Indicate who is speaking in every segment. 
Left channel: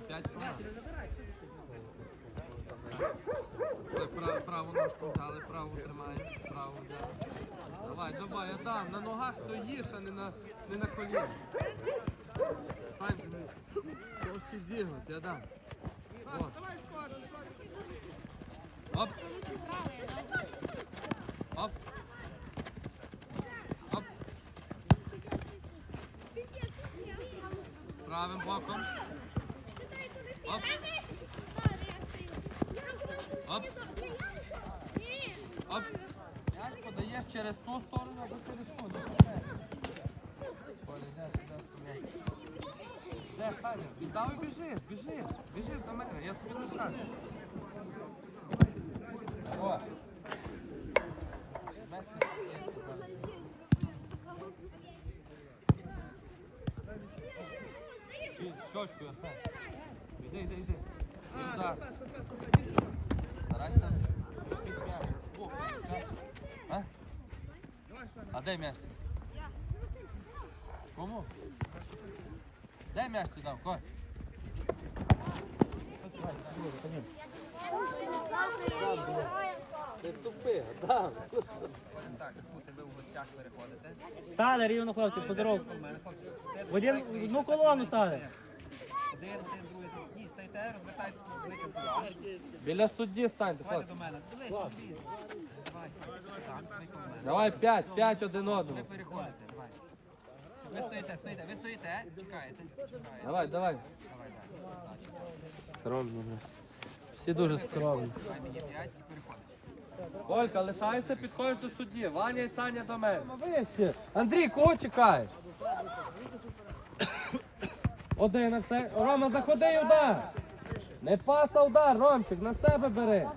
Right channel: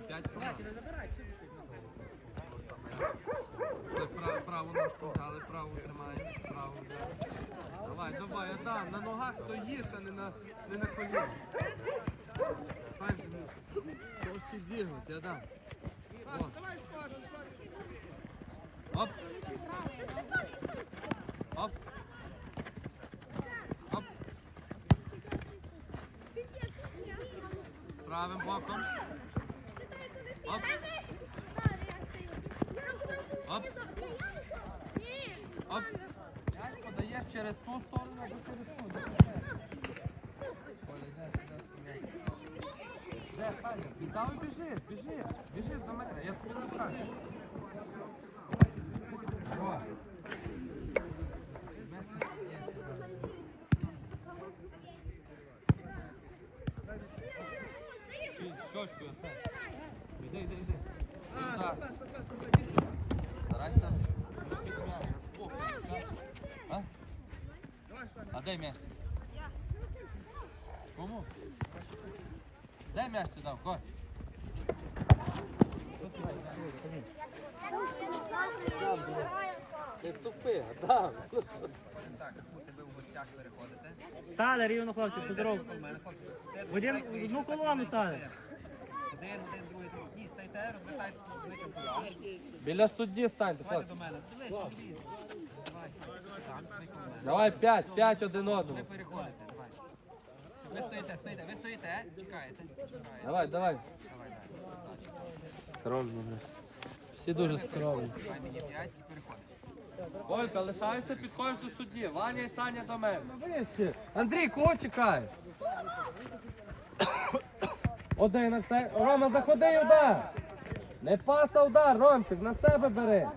Speaker 1: А, п'ять команд. Ой, Праву ножку взяли, праву тримаємо, праву взяли. Давай, давай, Адам, на ногах стоїш, а не на, не на колінах. Стань, трошки зігнути, Адам. О. Оп. Оп. Оп. Правим боком. Оп. Оп. Оп. М'яч подаєш через ту сторону або через ту. де, Саня? де? Саня? І біжи, біжи, біжи до мене, я тобі не скажу. О. Чи- Щочку я сам. Іди, іди, іди. І удар. Старайся. під м'яч. О, так. А? А де м'яч? Кому? Де м'яч ти дав? Коль? Ти тупи, Адам.
Speaker 2: Так, ви у гостях переходите.
Speaker 3: Стане рівно, хлопці, по дорогу.
Speaker 2: У мене хлопці.
Speaker 3: В один- в одну колону стане.
Speaker 2: Один, один, другий, другий. Ні, стайте, розвертайтеся на великий фураж.
Speaker 1: Біля судді станьте.
Speaker 2: Давайте
Speaker 1: хлопці.
Speaker 2: до мене. Ближче. Давай, там, мене.
Speaker 1: Давай п'ять, п'ять один
Speaker 2: Ви переходите. Ви стоїте, стоїте, ви стоїте, чекаєте. чекаєте.
Speaker 1: Давай, давай.
Speaker 2: Давай, давай.
Speaker 1: Скромно у нас. Всі дуже скромні.
Speaker 2: Давай мені п'ять і переходимо.
Speaker 1: Колька, лишаєшся, підходиш до судді. Ваня і Саня до мене. Андрій, кого чекаєш? Один, на все. Рома, заходи удар. Не паса удар, Ромчик, на себе бери.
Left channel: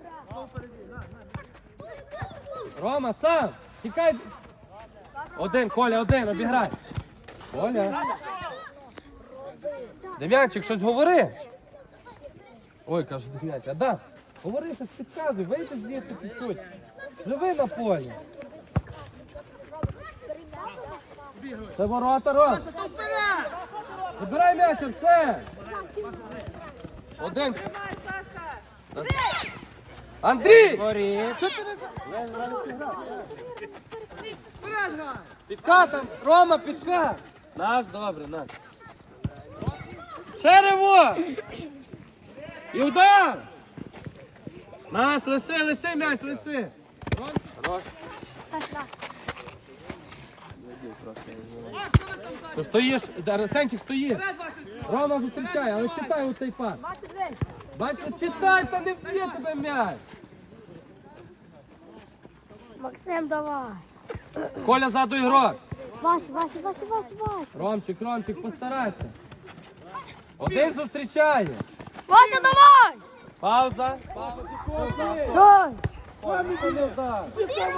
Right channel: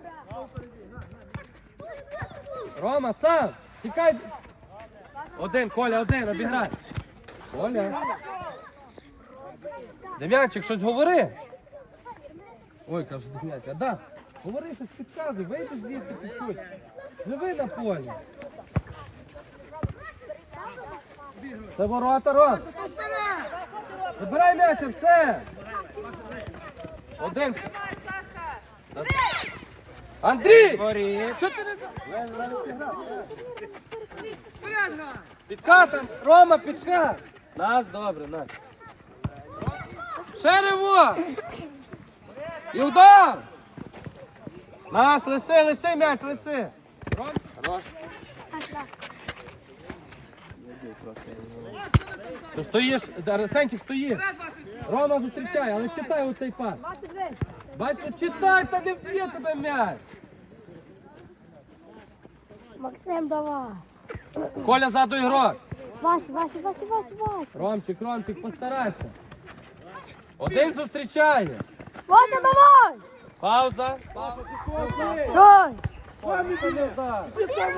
Speaker 1: Рома, сам. Тікай. Один, Коля, один, обіграй. Коля. Дем'янчик, щось говори. Ой, каже Дем'янчик, а да. Говори, щось підказуй, вийди звідси підходь. Живи на полі. Це ворота, Ром. Забирай м'яч, все. Один. Андрій! Що ти не Підкат, Рома, підкат. Наш, добре, наш. Шерево! І удар! Наш, лиши, лиши м'яч, лиши. Хорош. Стоїш, Арсенчик стоїть. Рома зустрічає, але читай оцей пас. Бачите, читай, та не вб'є тебе м'яч.
Speaker 4: Максим, давай.
Speaker 1: Коля ззаду ігрок.
Speaker 4: Вася, Вася, Вася, Вася, Вася.
Speaker 1: Ромчик, Ромчик, постарайся. Один зустрічає.
Speaker 4: Вася, давай!
Speaker 1: Пауза. Пауза.
Speaker 4: Давай!
Speaker 1: Коля, не удар.
Speaker 4: Біжи!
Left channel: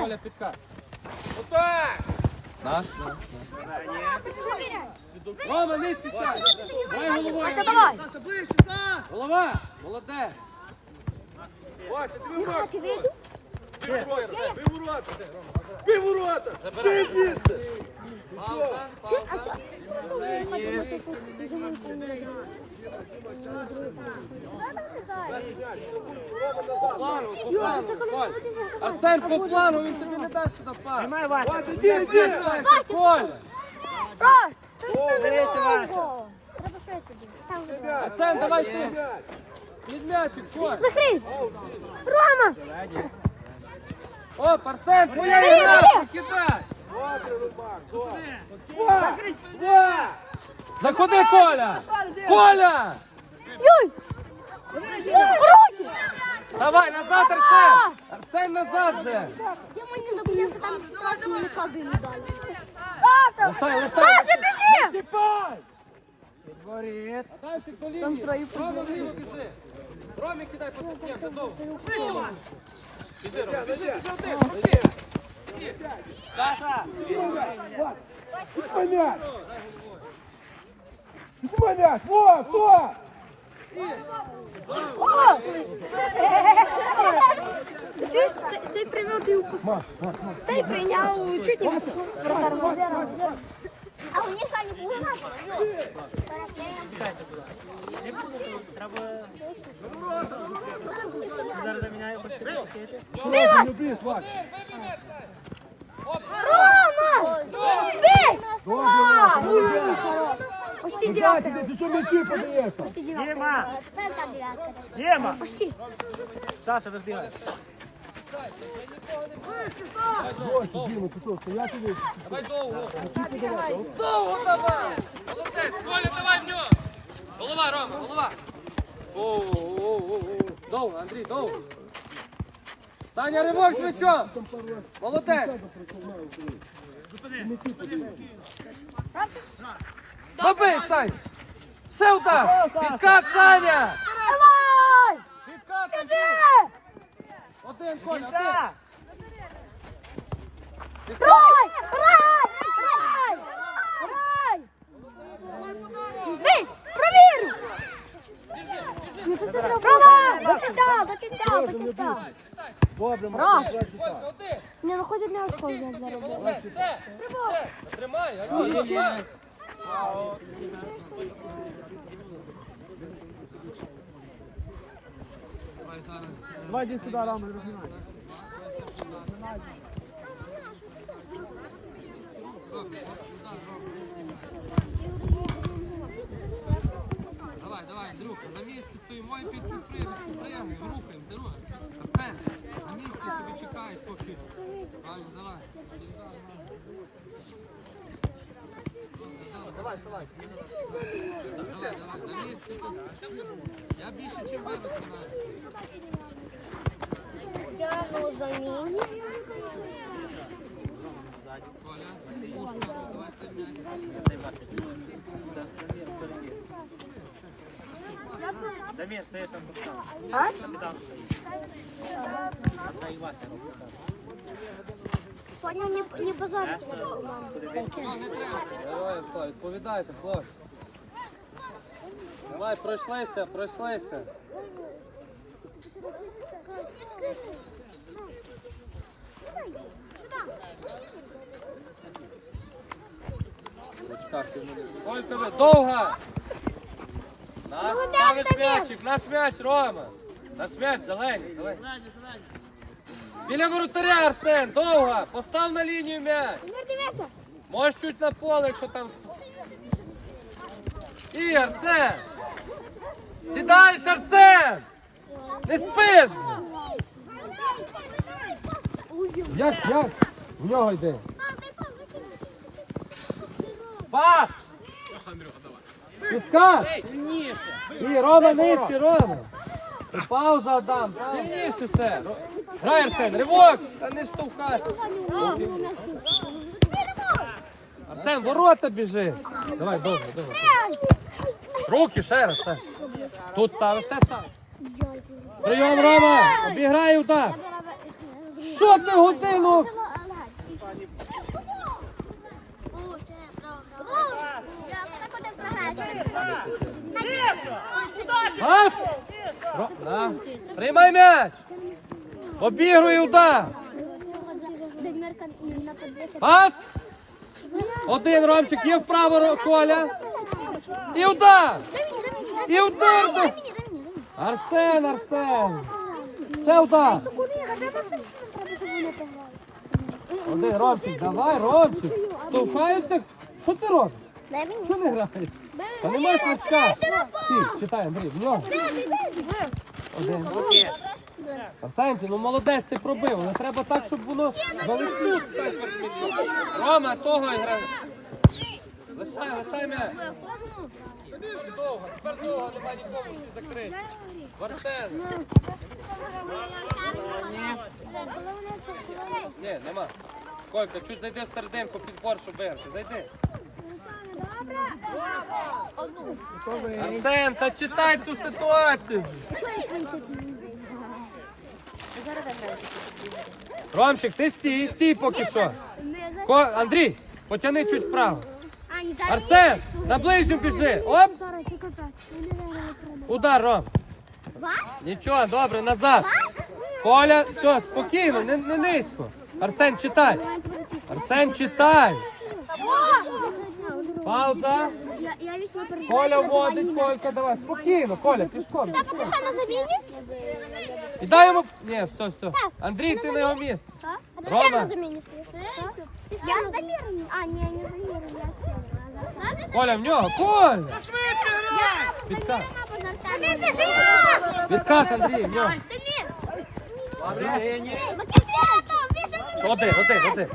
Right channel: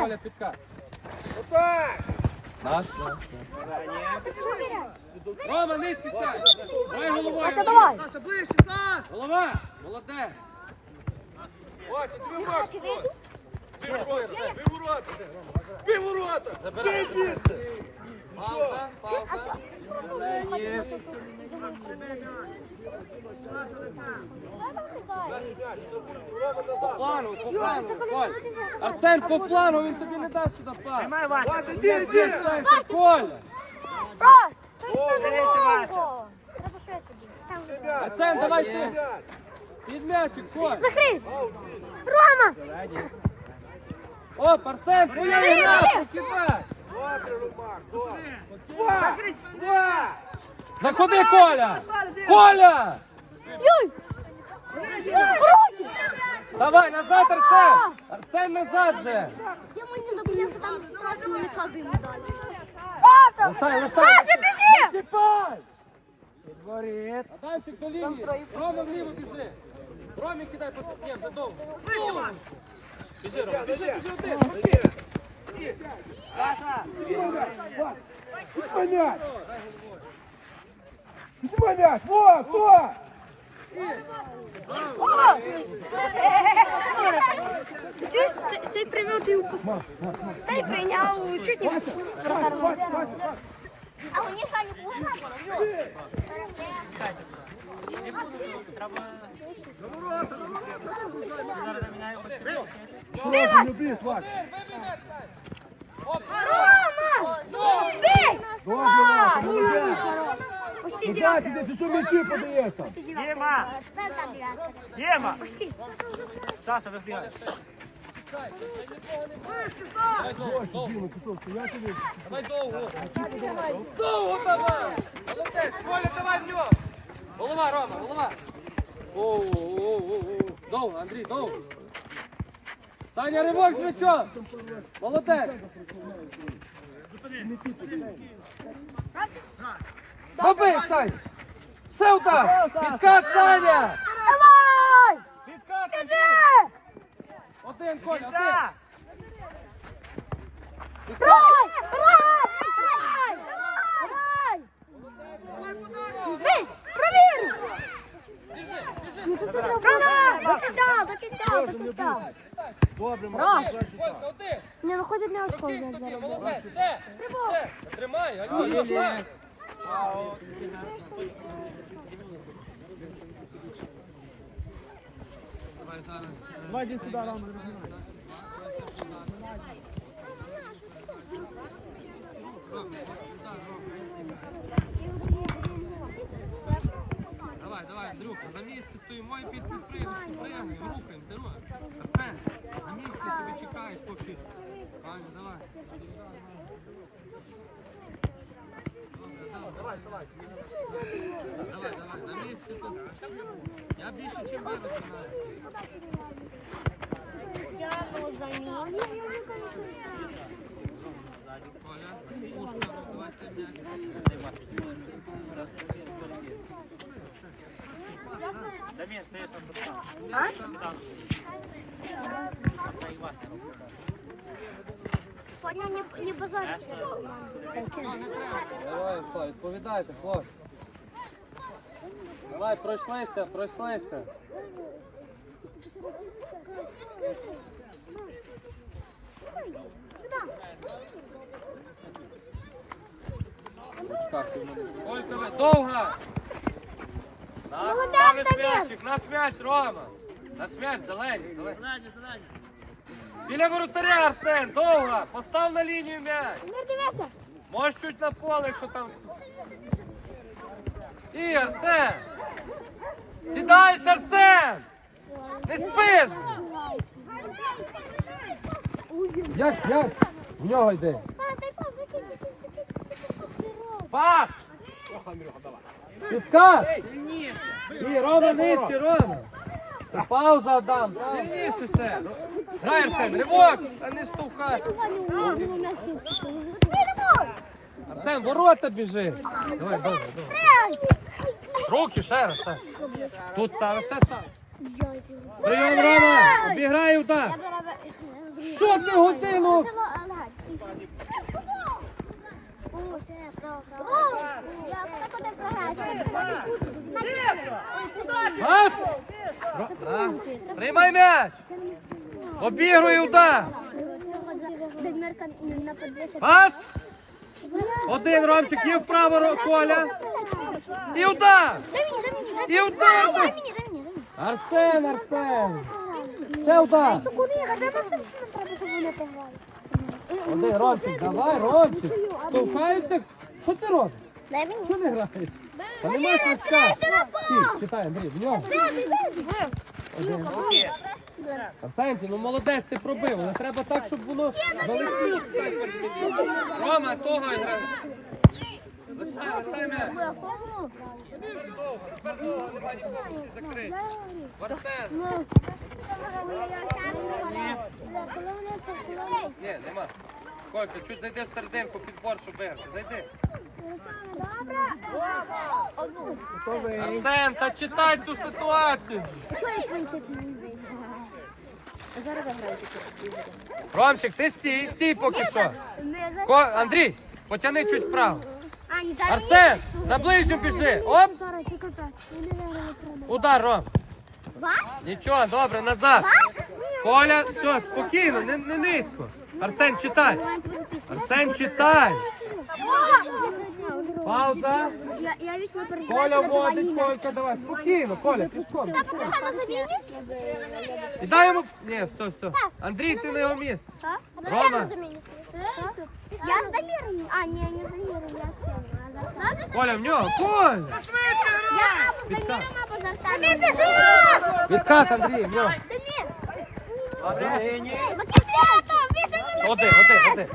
Speaker 1: Коля, підкат. Наш, наш. Рома, не стісняй. Давай головою.
Speaker 4: Вася, давай!
Speaker 1: Голова. Молодець. Забирай, забирай. Пауза, пауза. По флангу, по флангу, Коль. Арсен, по флангу, він тобі не дасть сюди пас.
Speaker 3: Тримай, Вася.
Speaker 1: Коля.
Speaker 4: Раз!
Speaker 3: Дивіться, Вася.
Speaker 1: Арсен, давай ти. Під м'ячик, Коль.
Speaker 4: Закрий! Рома!
Speaker 1: Оп, Арсен, твоя ігра, покидай. Заходи, Коля. Коля.
Speaker 4: Руки!
Speaker 1: Давай, назад, Арсен. Арсен, назад же.
Speaker 4: Я мені забув, там ситуацію не клади не далі. Саша!
Speaker 1: Лишай, лишай.
Speaker 4: Саша, біжи!
Speaker 1: Чіпай. Підворіт. Адамчик до лінії. Рома вліво біжи. Ромі кидай по ступням, вже довго. Біжи, Рома, біжи, біжи один. Саша.
Speaker 5: Вот, вот!
Speaker 4: Чуть, цей- цей прийняв ти упустив. Цей прийняв чуть не вратар. А мені ще не було.
Speaker 5: Не блін, Вась.
Speaker 4: Рома! Бей!
Speaker 5: Добре, Вася, молодець.
Speaker 4: Почти
Speaker 5: Назад
Speaker 4: девятка.
Speaker 5: іди, ти що м'ячі подаєшся?
Speaker 4: Почти девятка.
Speaker 3: Діма!
Speaker 4: Центр девятка.
Speaker 3: Діма!
Speaker 4: Почти.
Speaker 3: Саша, вибігай.
Speaker 5: Діма, ти що, стояти ви?
Speaker 1: Давай довго. Довго давай. Молодець. Коля, давай в нього. Голова, Рома, голова. Оу-оу-оу-оу. Довго, Андрій, довго. Саня, ривок з м'ячом. Молодець. Баби, Сань. Ще удар. Підкат, Саня.
Speaker 4: Давай!
Speaker 1: Підкат.
Speaker 4: Иди!
Speaker 1: Один, Коля, один.
Speaker 4: Рай! Рай! Рай! Рай! Бей! Провір!
Speaker 1: Біжи, біжи.
Speaker 4: Ну. До кінця, до кінця, до кінця. Раз. Не виходить не очко заробив.
Speaker 1: молодець. Ще, ще. Тримай, алло, алло. Давай зараз.
Speaker 5: Давай іди сюди, Рома, рознімай.
Speaker 1: Давай, давай, Андрюха, на місці стоїмо і під підприємці, приїхаємо, рухаємося, рухаємося. На місці собі чекаєш поки. Ваня, давай. Давай, давай, на місці тут. Я більше, ніж ви знаю. Коля, пушка, давай.
Speaker 3: Дамір, стоїш
Speaker 1: А, треба. Давай, Слав, відповідайте, хлопці. Давай, пройшлися, пройшлися. Олька, ви довга! Наш
Speaker 4: Дамір!
Speaker 1: м'ячик, наш м'яч, Рома! Наш м'яч, зелений, зелений.
Speaker 3: Зелені, зелені.
Speaker 1: Біля воротаря, Арсен, довга! Постав на лінію м'яч!
Speaker 4: Тепер дивися.
Speaker 1: Можеш чуть на поле, якщо там. І, Арсен! Сідаєш, Арсен! Ти спиш! Як, як? В нього йде. Пас! Підкат! І, Рома, нижче, Рома! Пауза дам, сильніше ще! Грай, Арсен, ривок! Та не штовхай! Арсен, ворота біжи! Давай, добре, добре. Руки ще раз, ще. Тут ставиш, ще став. Прийом, Рома! Обіграй удар! Що ти годину? Пас! Ро- Приймай м'яч! Обігруй удар! Пас! Один Ромчик, є вправо Коля. І удар! І удар! Арсен, Арсен! Ще удар! Один, Ромчик, давай, Ромчик! Штовхають так. Що ти робиш? Що не граєш? Та нема свистка. Ти, читай, Андрій, в нього. Один. Ну молодець, ти пробив, але треба так, щоб воно залетіло. Рома, того грав. Лишай, лишай м'яч. Довго, тепер довго, нема нікому всі закрити. Арсен. Ні, нема. Колька, чуть зайди в серединку під борт, щоб. Зайди. Арсен, та читай цю ситуацію. Ромчик, ти стій, стій поки що. Ко- Андрій, потяни чуть вправо. Арсен, на ближню біжи. Оп, удар, Ром. Нічого, добре, назад. Коля, все, спокійно, не, не низько. Арсен, читай. Арсен, читай. Пауза.
Speaker 4: Я, я вічно переживаю.
Speaker 1: Коля
Speaker 4: коли
Speaker 1: вводить,
Speaker 4: Ваня м'яч.
Speaker 1: Колька, давай. Спокійно, Коля, пішком.
Speaker 4: Та поки що на заміні?
Speaker 1: І дай йому... Ні, все, все. Андрій, ти на його місце.
Speaker 4: Так?
Speaker 1: Рома.
Speaker 4: на заміні стоїш? Я замірені. А, ні, не замірені, я стіну.
Speaker 1: Коля, в нього. Коля!
Speaker 4: Я або замірена, або зартана. Замір, біжи!
Speaker 1: Відкат, Андрій, в нього.
Speaker 4: Замір! Максимято, більше не
Speaker 1: Води, води, води.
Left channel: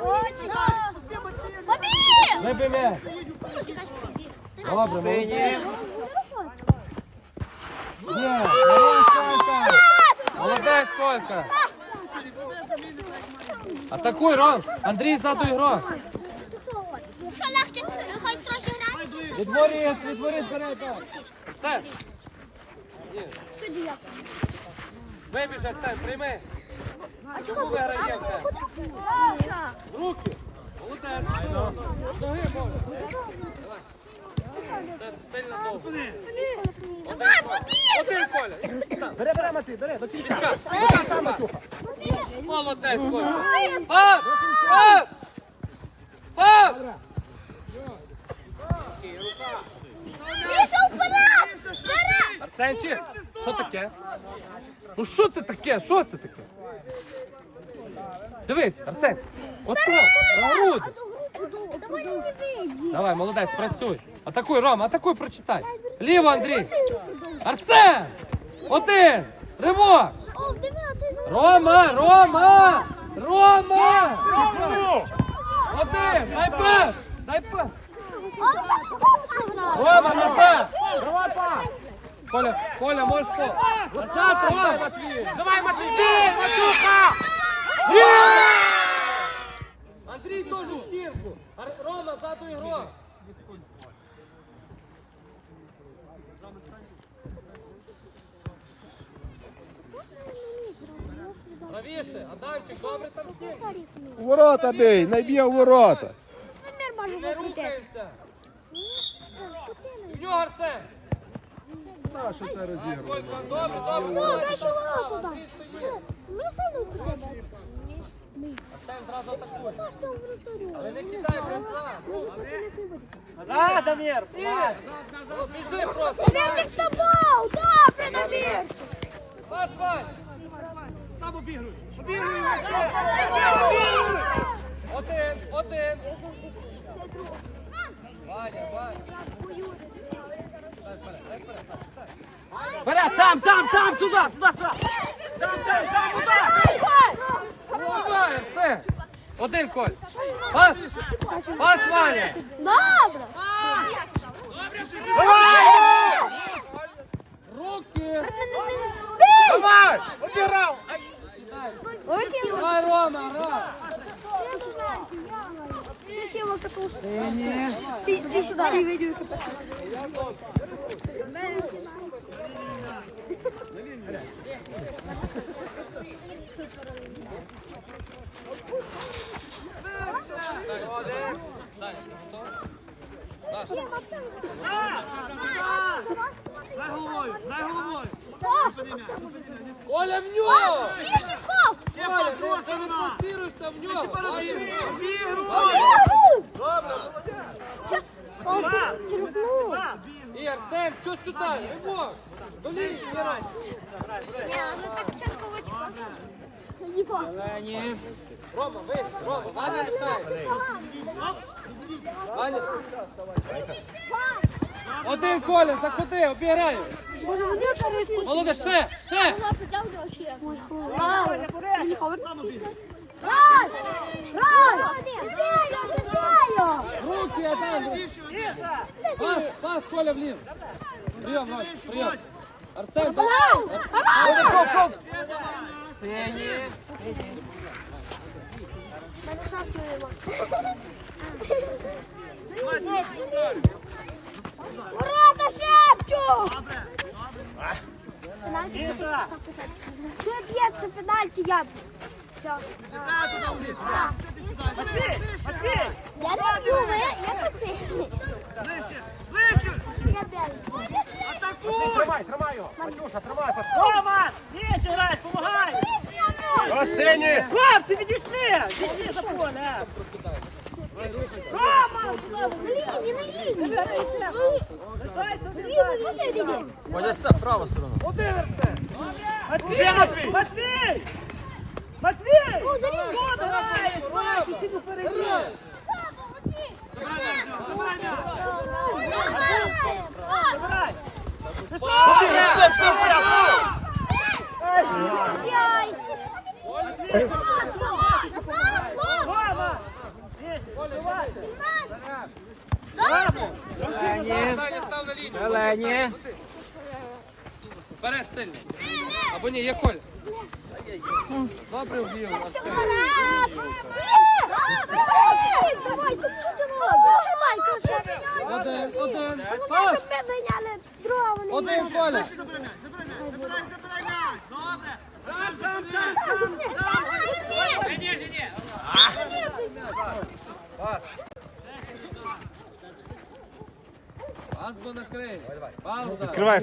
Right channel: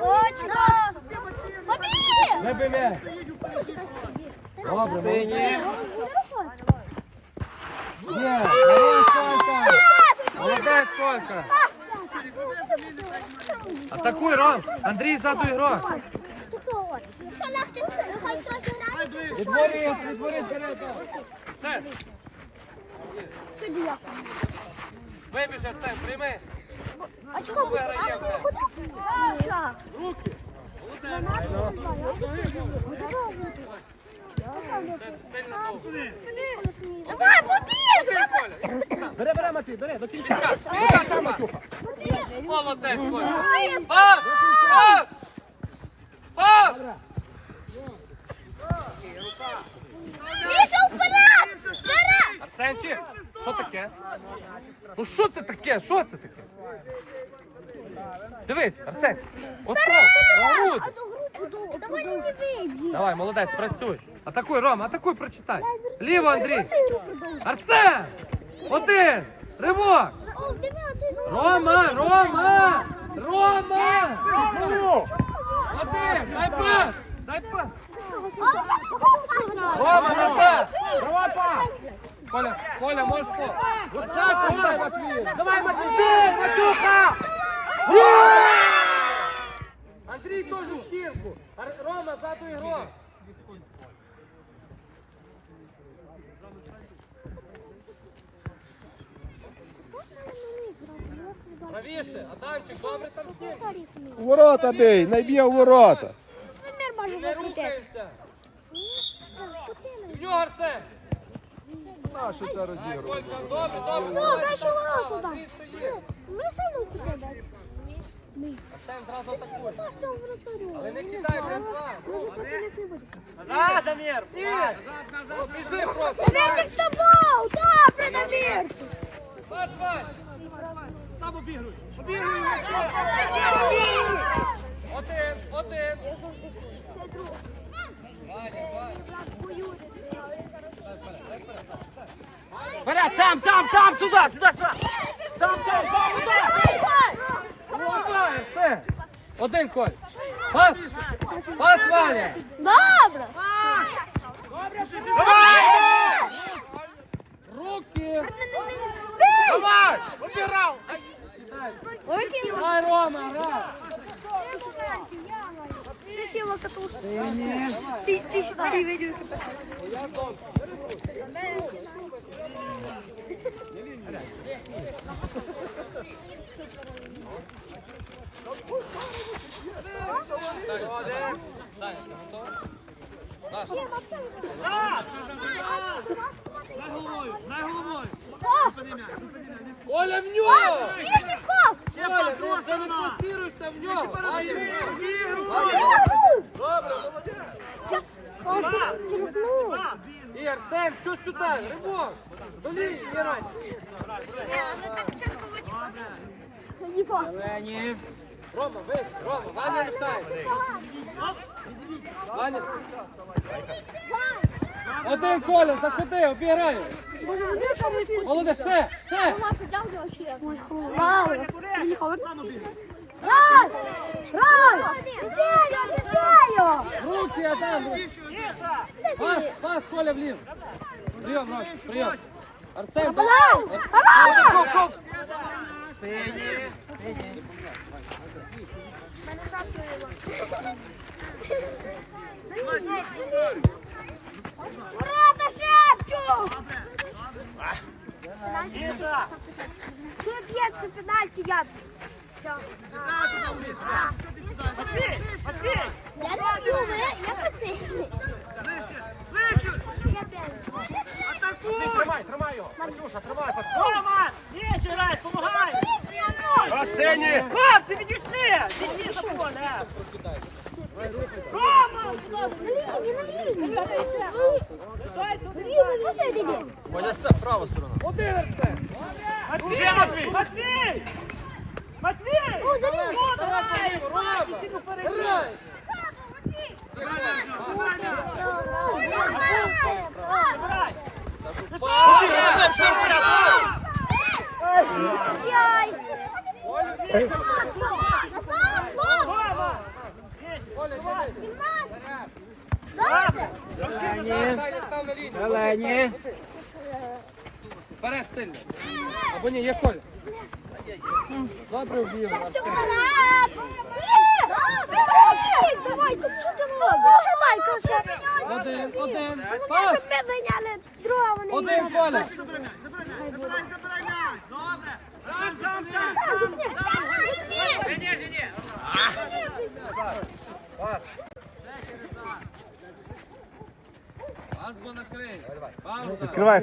Speaker 4: Очень Побіг!
Speaker 1: М'яч. Добре, молодець. Є, Колька. Молодець, Колька. Атакуй, Ром. Андрій, ззаду ігрок.
Speaker 4: Що легше, хай трохи грає.
Speaker 1: Відворі, відворі вперед. так. Все. Вибіжав, все, прийми.
Speaker 4: А чого
Speaker 1: Руки.
Speaker 4: Давай, побіг!
Speaker 5: Бери, бери, бери, до кінця.
Speaker 1: Молодець, Коля.
Speaker 4: Вперед! Вперед!
Speaker 1: Арсенчик, що таке? Ну що це таке? Що це таке? Дивись, Арсен. Ото.
Speaker 4: Давай не вийди.
Speaker 1: Давай, молодець, працюй. Атакуй, Рома, атакуй, прочитай. Ліво, Андрій. Арсен! Один! Ривок! Рома! Рома! Рома! Один! Дай пас! Дай пас! Рома, не пас!
Speaker 5: Давай пас.
Speaker 1: Коля, Коля, можеш Рома!
Speaker 5: Давай, Матвій, Матюха.
Speaker 1: Андрій теж в стінку! Рома, ззаду ігрок! Правіше, Адамчик, добре там стінку!
Speaker 6: У Ворота бей, найб'є у ворота.
Speaker 4: Може
Speaker 1: Не рухаємося! В нього Арсен! Добре, добре!
Speaker 4: Ну, краще ворота
Speaker 1: Андрій
Speaker 4: там.
Speaker 1: стоїть!
Speaker 4: Ми сильно куди
Speaker 1: Арсен зразу атакує! Але не кидай, братва!
Speaker 3: Назад, Дамір.
Speaker 1: Ні! О, Біжи просто!
Speaker 4: Намірчик з тобою! Добре, Намірчик!
Speaker 1: Пас, пас!
Speaker 5: Сам обігруй. Обігруй його
Speaker 1: Один, один! Ваня, Ваня!
Speaker 3: Вперед, сам, сам, сам, сюди, сюди, сюди. Сам, сам, сам, сюди.
Speaker 1: Давай, все! Один, Коль! Пас! Пас, Ваня!
Speaker 4: Добре!
Speaker 1: Руки!
Speaker 5: Давай.
Speaker 4: Руки
Speaker 1: Давай, Рома, грай!
Speaker 4: Ты, ты сюда не ведешь.
Speaker 5: Дай головою, дай головою.
Speaker 1: Оля, в нього!
Speaker 4: Пешиков!
Speaker 1: Оля, ти фокусируйся в нього! Ваня,
Speaker 4: Черпнул.
Speaker 1: І Арсен, що сюди? Ривок! До
Speaker 4: по.
Speaker 1: Рома, вище, Рома, Ваня рішає! Ваня! Один Коля, заходи, обіграй!
Speaker 4: Боже, вони не
Speaker 1: Молодець, ще, ще!
Speaker 4: Рай! Рай! Рай! Не знаю, не знаю!
Speaker 1: Пас, пас, Коля вліво! Прийом, Рома, прийом! Арсен,
Speaker 4: Рай! Рай! Ура, шепчу! Что бьется пенальти я? Все. Я не бью, ви, я пацан.
Speaker 5: Ближче.
Speaker 4: Я белый.
Speaker 5: Атакуй.
Speaker 3: Рома, більше грай, помагай.
Speaker 5: Арсені.
Speaker 3: Хлопці, відійшли. Відійшли,
Speaker 4: На лінії, на лінії. Рівно, посередині.
Speaker 3: Ще Матвій! Матвій! Матвій!
Speaker 4: О, за лінію. Яй.
Speaker 1: Саня,
Speaker 3: Зелені!
Speaker 1: Вперед сильно. Або ні, є Коля.
Speaker 4: Давай.
Speaker 5: Добре.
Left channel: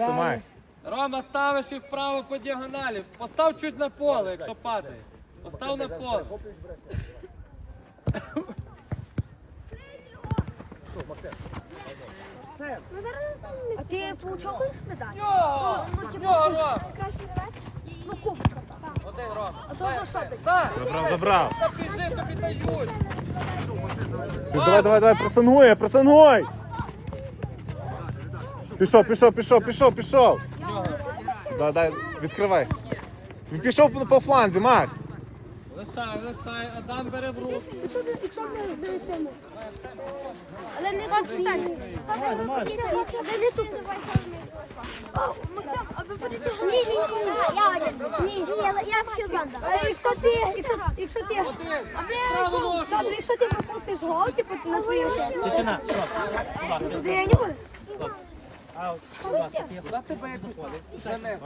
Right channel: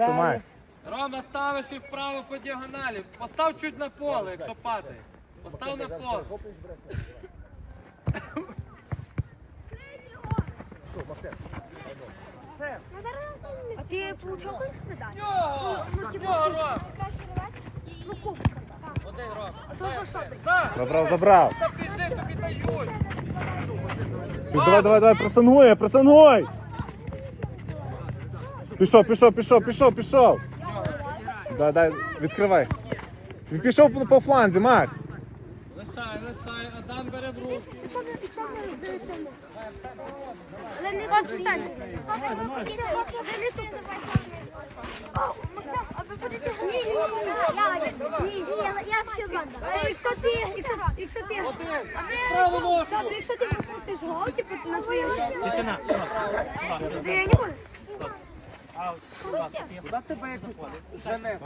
Speaker 6: Макс.
Speaker 1: Рома, ставиш їх вправо по діагоналі. Постав чуть на поле, якщо падає. Постав на поле.
Speaker 4: А ти получав колись медаль?
Speaker 1: Один, Рома.
Speaker 4: А то за що ти?
Speaker 1: Так,
Speaker 6: Забрав, забрав.
Speaker 1: та біжи, тобі дають.
Speaker 6: Давай, давай, давай, пресингуй, пресингуй. Пішов, пішов, пішов, пішов, пішов. Дай, дай, відкривайся. Він пішов по, по фланзі, Макс.
Speaker 1: Лишай, лишай, Адам бере в руки.
Speaker 4: Але не тут стань. Але не тут. Максим, а ви будете Ні, ні, ні, я. Ні, ні, я, я в Кюбанда. Якщо ти, якщо, якщо ти,
Speaker 1: Праву ножку.
Speaker 4: добре, якщо ти пропустиш гол, типу, на твою шею.
Speaker 3: Тишина!
Speaker 4: Я не буду.
Speaker 1: За тебе якусь жене.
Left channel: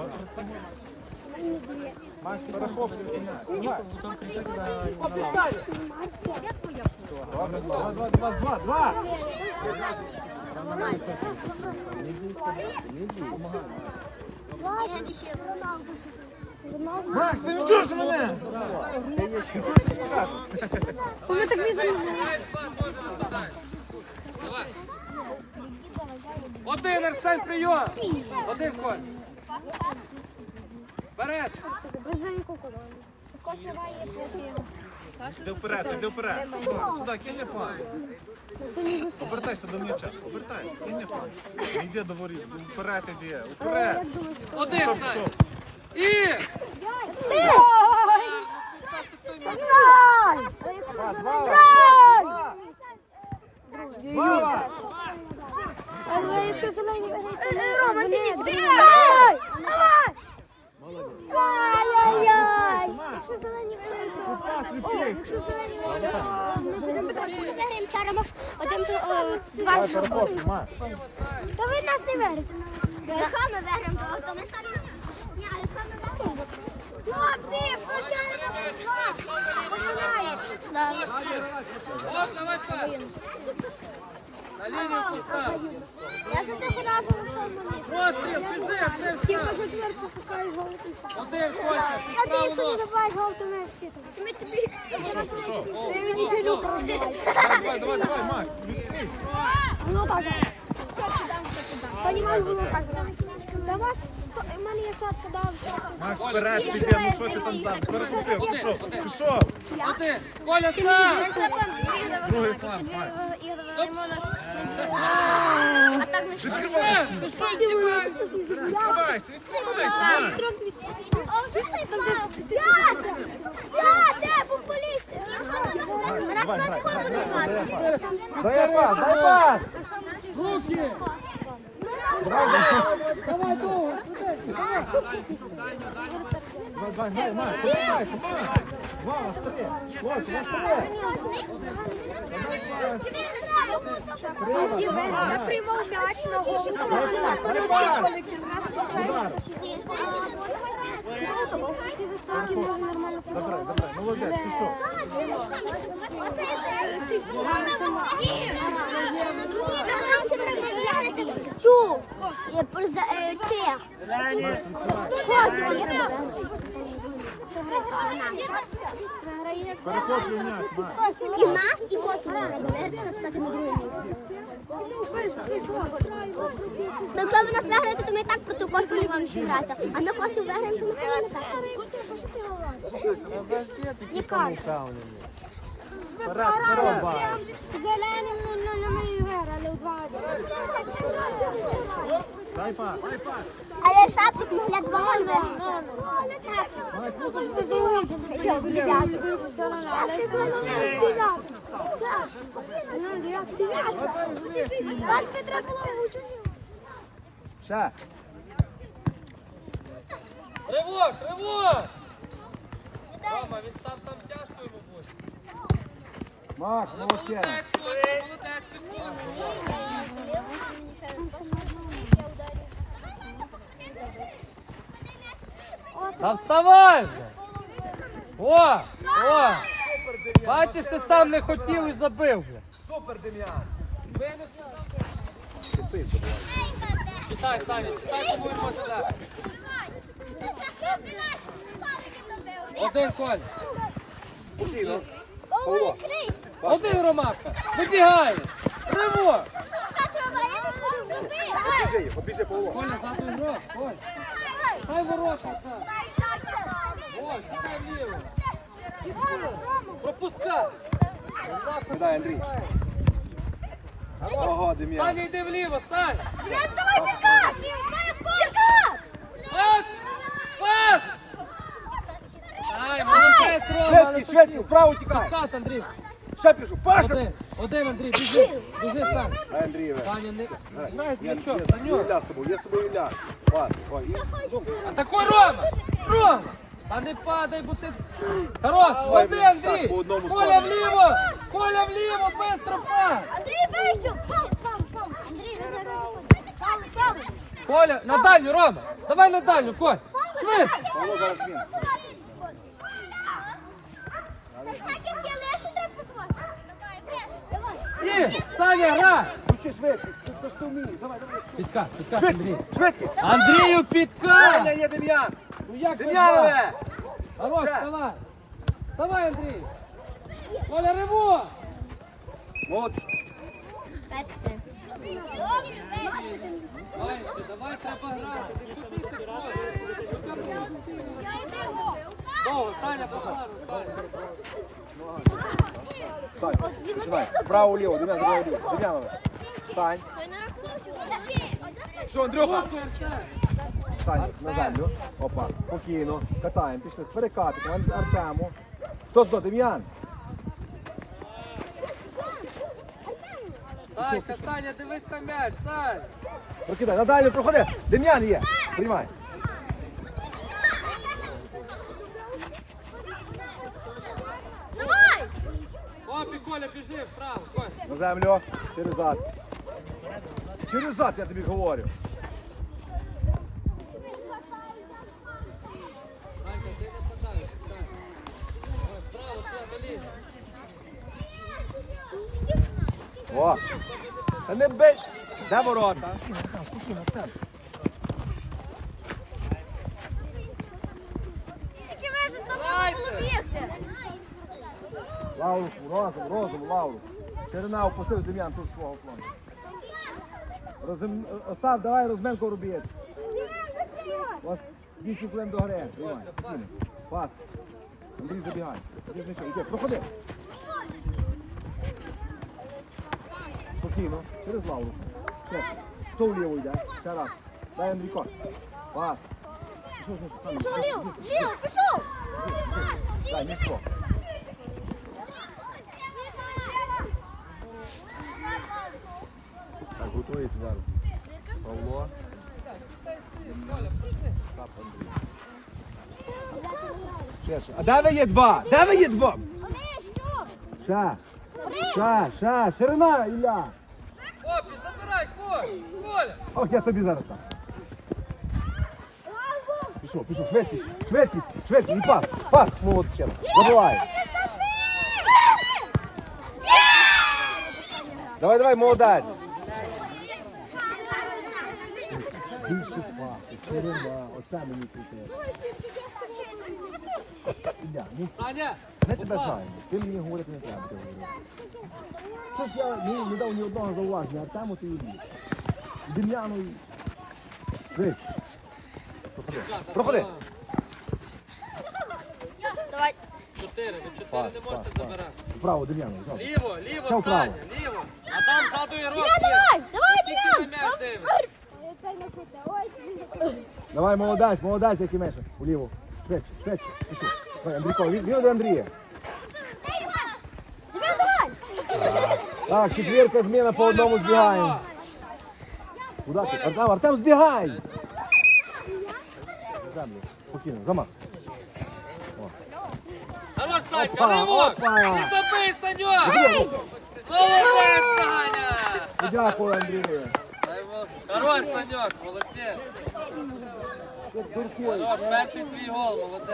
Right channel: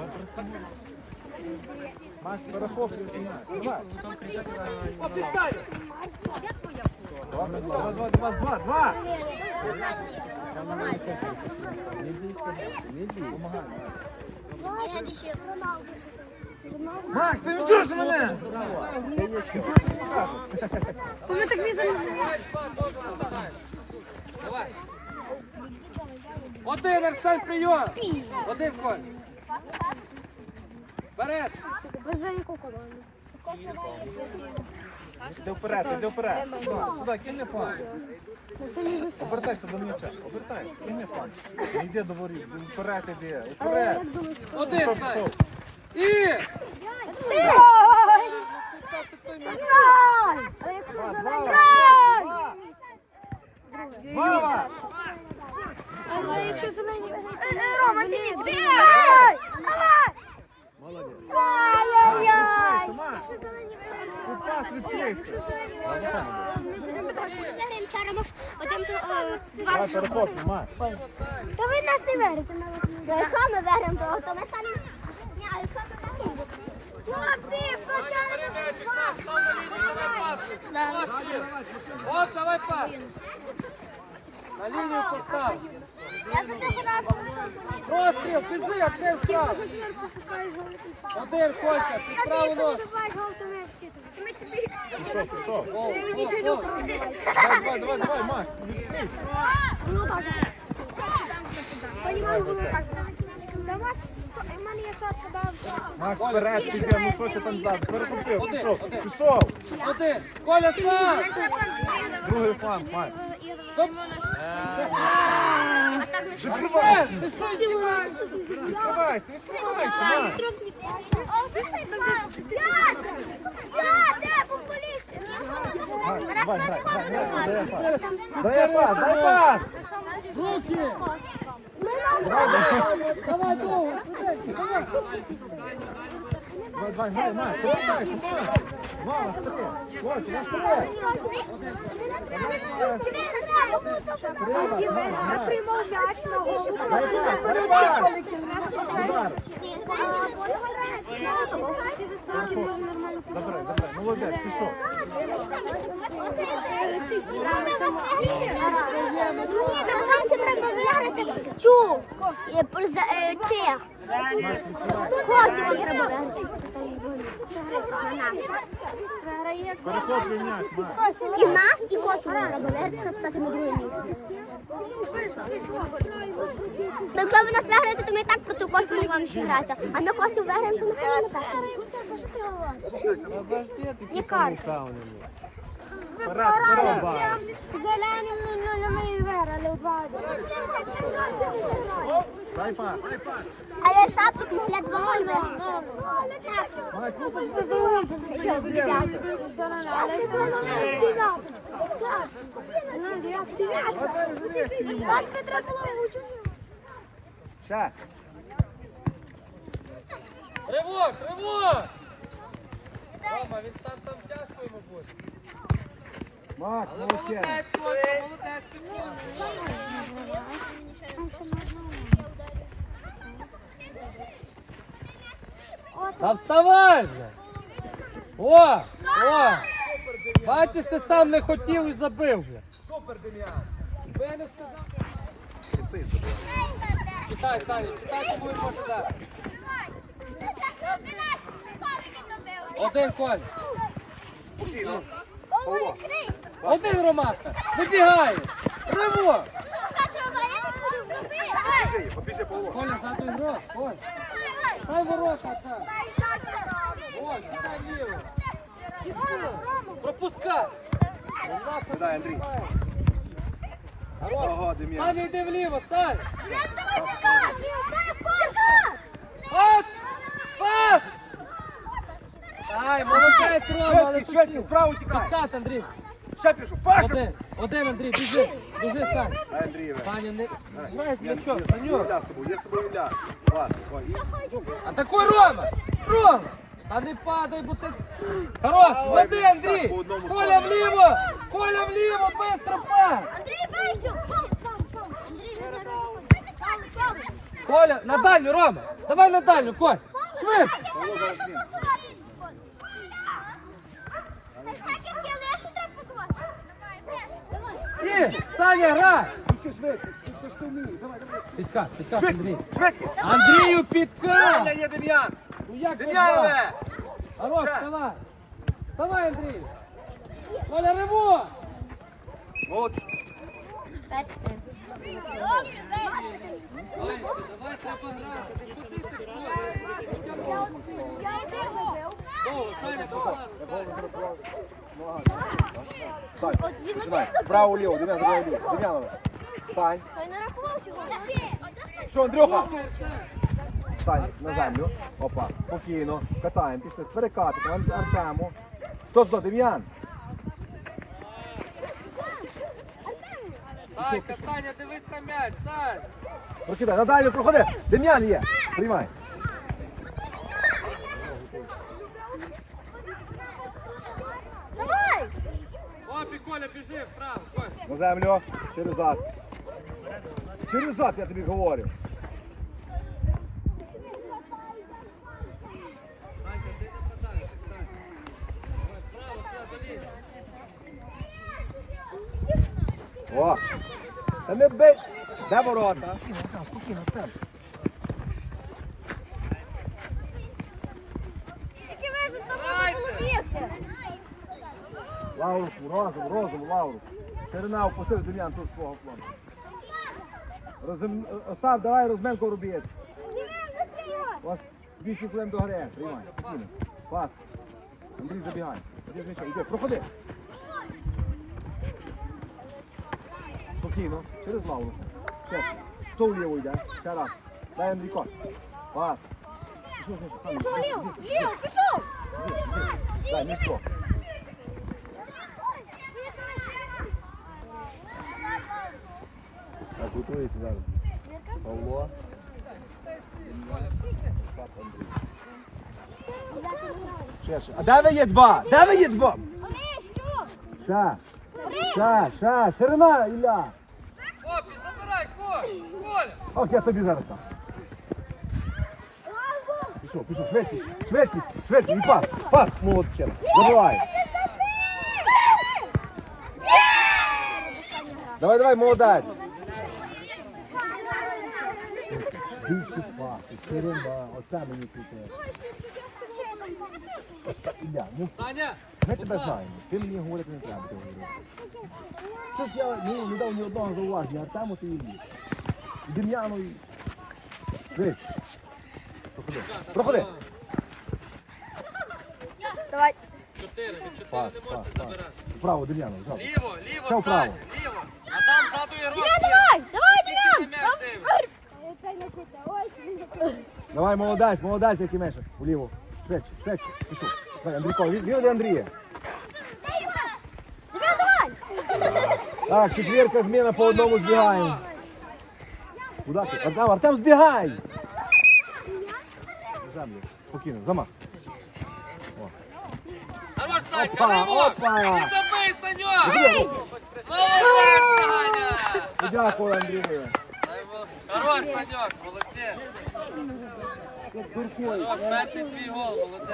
Speaker 6: Два, два, два, два, два. Макс, ти не чуєш мене?
Speaker 4: Ми так візимо.
Speaker 1: Один, Арсен, прийом. Один, Коль. Вперед.
Speaker 6: Іди вперед, іди вперед. Сюди, кинь мені фланг. Обертайся до м'яча, обертайся, кинь мені фланг. Йди до воріт, вперед іди, вперед.
Speaker 1: Один, Сань. І!
Speaker 4: Грай! А як ми зелені?
Speaker 6: Мама!
Speaker 4: Але якщо зелені виграють, то вони.
Speaker 6: Молодець.
Speaker 4: Ай-яй-яй!
Speaker 6: Макс,
Speaker 4: Якщо зелені виграють, то
Speaker 6: пас відкрився.
Speaker 4: Виграємо вчора, один, е, два. Ви нас не виграєте. Якщо ми виграємо, то, то ми самі. Ні, а якщо ми виграємо, Хлопці, включаємо
Speaker 1: Оп, давай пас. На лінію постав.
Speaker 4: Я за тебе радий.
Speaker 1: Розстріл, біжи, як ти
Speaker 4: Ті,
Speaker 1: встав.
Speaker 4: Може, зверху пускають гол. А ти, якщо не забуваєш гол, то ми всі тут. Ми тобі... Ми мені розбивають.
Speaker 6: Давай, давай, давай, Макс, відкрився.
Speaker 4: Ну так. Все, кидаємо, все кидаємо. Понімаю, було так. Та вас, в мене є сотка, да.
Speaker 6: Макс, вперед піде, ну що ти там зараз? Переступив, пішов, пішов.
Speaker 1: Один. Коля, став.
Speaker 6: Другий фланг, Макс.
Speaker 4: Так не що?
Speaker 6: Відкривайся,
Speaker 1: Ти що,
Speaker 6: відкривайся, відкривайся, Макс. Дай пас, дай пас. Давай, давай, давай, Макс, повертайся, Макс. Два, вас три. Хлопці, вас три. Давай пас.
Speaker 4: Я приймав м'яч на голову.
Speaker 6: Дай пас, дай пас. Удар. Забирай, забирай, молодець, пішов.
Speaker 4: Цю! Цих! Косі треба виграти. програти нас. Програє
Speaker 6: Переход міняй, Макс.
Speaker 4: і нас, і косу робили, Ми коли ви нас виграєте, то ми так по ту косу не вам ще грати. А ми косу виграємо, то ми все не виграємо. Є карта.
Speaker 6: Вперед, вперед, Бар.
Speaker 4: Зеленим ми виграли у два.
Speaker 6: Дай пас.
Speaker 4: Але шапчик ми для двоє виграли.
Speaker 6: Макс, ну
Speaker 4: Все залежить. Так не треба було вчити.
Speaker 6: Ще.
Speaker 1: Ривок, ривок! Рома, він сам там тяжко йому буде.
Speaker 6: Макс, молодець.
Speaker 1: Молодець, Коля, молодець, підходить. Та вставай вже! О! О! Бачиш, ти сам не хотів і забив вже.
Speaker 3: Супер, Дем'ян.
Speaker 1: Читай, Саня, читай, що будемо почитати. Один Коля. Один Ромаха. Вибігає. Риво. Коля, задуй гроб. Коля. Дай ворота так. Ой, кидай вліво. Пропускай.
Speaker 6: Дай, Андрій. Ого.
Speaker 1: Саня, йди вліво, Саня. Пас! Пас! Ай, молодець, Рома, але
Speaker 3: Швидкий, вправо тікай.
Speaker 1: підкат, Андрій.
Speaker 3: Ще пішов. Паша.
Speaker 1: Один, один, Андрій, біжи, біжи, Саня.
Speaker 6: Дай, Андрій.
Speaker 1: Саня, не грай з м'ячом,
Speaker 6: Я
Speaker 1: Санюк.
Speaker 6: з тобою, я з тобою Ілля. Пас, ой,
Speaker 1: Атакуй, Рома! Рома! Та не падай, бо ти... Хорош, веди, Андрій! Коля вліво! Коля вліво, быстро пас!
Speaker 4: Андрій вийшов! Пау, пау, пау! Андрій, ви зараз... Пау, пау!
Speaker 1: Коля, на дальню, Рома! Давай на дальню, Коль! Швидко!
Speaker 6: Павло зараз він.
Speaker 1: І, Саня, грай!
Speaker 3: Ще швидкий. Ти. Давай, давай.
Speaker 1: Підкат, підкат, Андрій. Андрію, підкат!
Speaker 3: Є, є, Дем'ян.
Speaker 1: Ну як ви два? Хорош, вставай! Вставай, Андрій! Риво!
Speaker 3: Молодець.
Speaker 4: Перший тайм.
Speaker 1: Ванечки, давай треба грати, не куди ти? Хоча б оці. Довго, Саня.
Speaker 3: Починай. Право, ліво. Забирай ліво. Дем'ян. Стань. Що, Андрюха?
Speaker 1: Супер, так.
Speaker 3: Стань на землю. Опа. Спокійно. Катаємо. Пішли. Перекатимо. Ар- Артему. Хто туди? Дем'ян.
Speaker 1: Санька, Саня, дивись на м'яч, Сань.
Speaker 3: Прокидай. Надалі проходи. Дем'ян є. Приймай.
Speaker 4: Давай!
Speaker 1: Опі, Коля, біжи вправо.
Speaker 3: На землю. Через зад. Через зад, я тобі говорю.
Speaker 1: Санька, ти не попадаєш, Саня. Вправо, сюди, до лінії.
Speaker 3: О. Та не бей. Де ворота? Спокійно, там, спокійно, там. Лауру, розум, розум, Лауру. Ширина опустив Дем'ян тут свого флону. Розум... Остав, давай розменку робіть. Ось 8 хвилин до гри. Приймай, спокійно. Пас. Андрій забігай. Іди, проходи. Спокійно. Через. Ще. Хто вліво йде? Ще раз. Дай Андрійко. Пас. Пішов, пішов.
Speaker 4: Ліво! Ліво, пішов!
Speaker 3: Дай, мішко. Так, готується зараз. Павло. Ще, ще. А де ви є два? Де ви є два? Ша. Ша, ша, ширина, Ілля.
Speaker 1: Опі, забирай, Коля.
Speaker 3: Ох, я тобі зараз там. Пішов, пішов, швидкість, швидкість, швидкість, і пас, пас, молодче. Забивай. Давай, давай, молодець. Більше пас, ширина, оце мені крутить. Ілля, ну
Speaker 1: Саня,
Speaker 3: я тебе знаю. Ти мені говорити не треба. ти говориш. Щось я не, не дав ні одного зауваження, а там от і Дем'яну і... Дивись. Проходи. Проходи.
Speaker 4: Давай.
Speaker 1: Чотири, ви чотири не можете забирати.
Speaker 3: Вправо, Дем'яну, взяв.
Speaker 1: Ліво, ліво,
Speaker 3: вправо.
Speaker 1: Саня, ліво. А там ззаду і
Speaker 4: Давай, давай, давай,
Speaker 1: Тільки
Speaker 4: Дім'ян.
Speaker 1: м'яч дивись.
Speaker 3: Давай, молодець, молодець, який меше. Уліво. Швидше, швидше. Пішов. Давай, Андрійко, він до Андрія. Так, четвірка зміна по одному збігаємо. Куди ти? Артем, Артем, збігай! Землю. Спокійно, замах. Опа, опа. Дякую, Андрію.
Speaker 1: Хорош, Саньок, молодець.
Speaker 3: Дуркуй.
Speaker 1: О, Перший твій гол, молодець.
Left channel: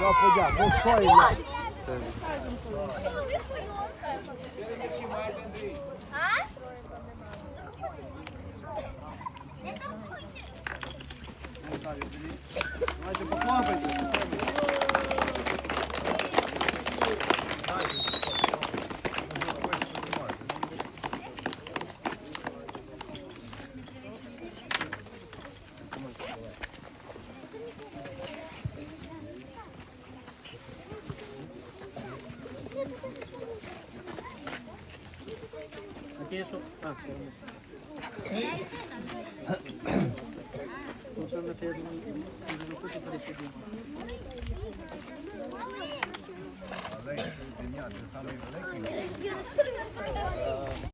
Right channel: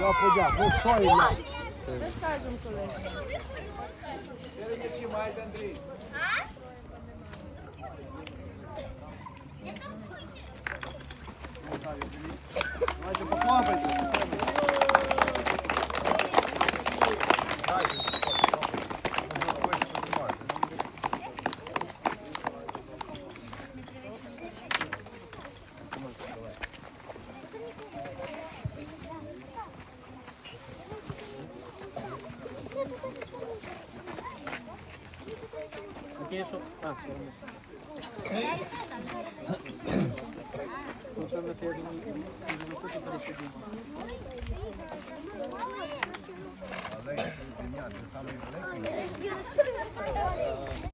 Speaker 3: Я подяк. Ну що, Ілля?
Speaker 6: Давайте похлопайте.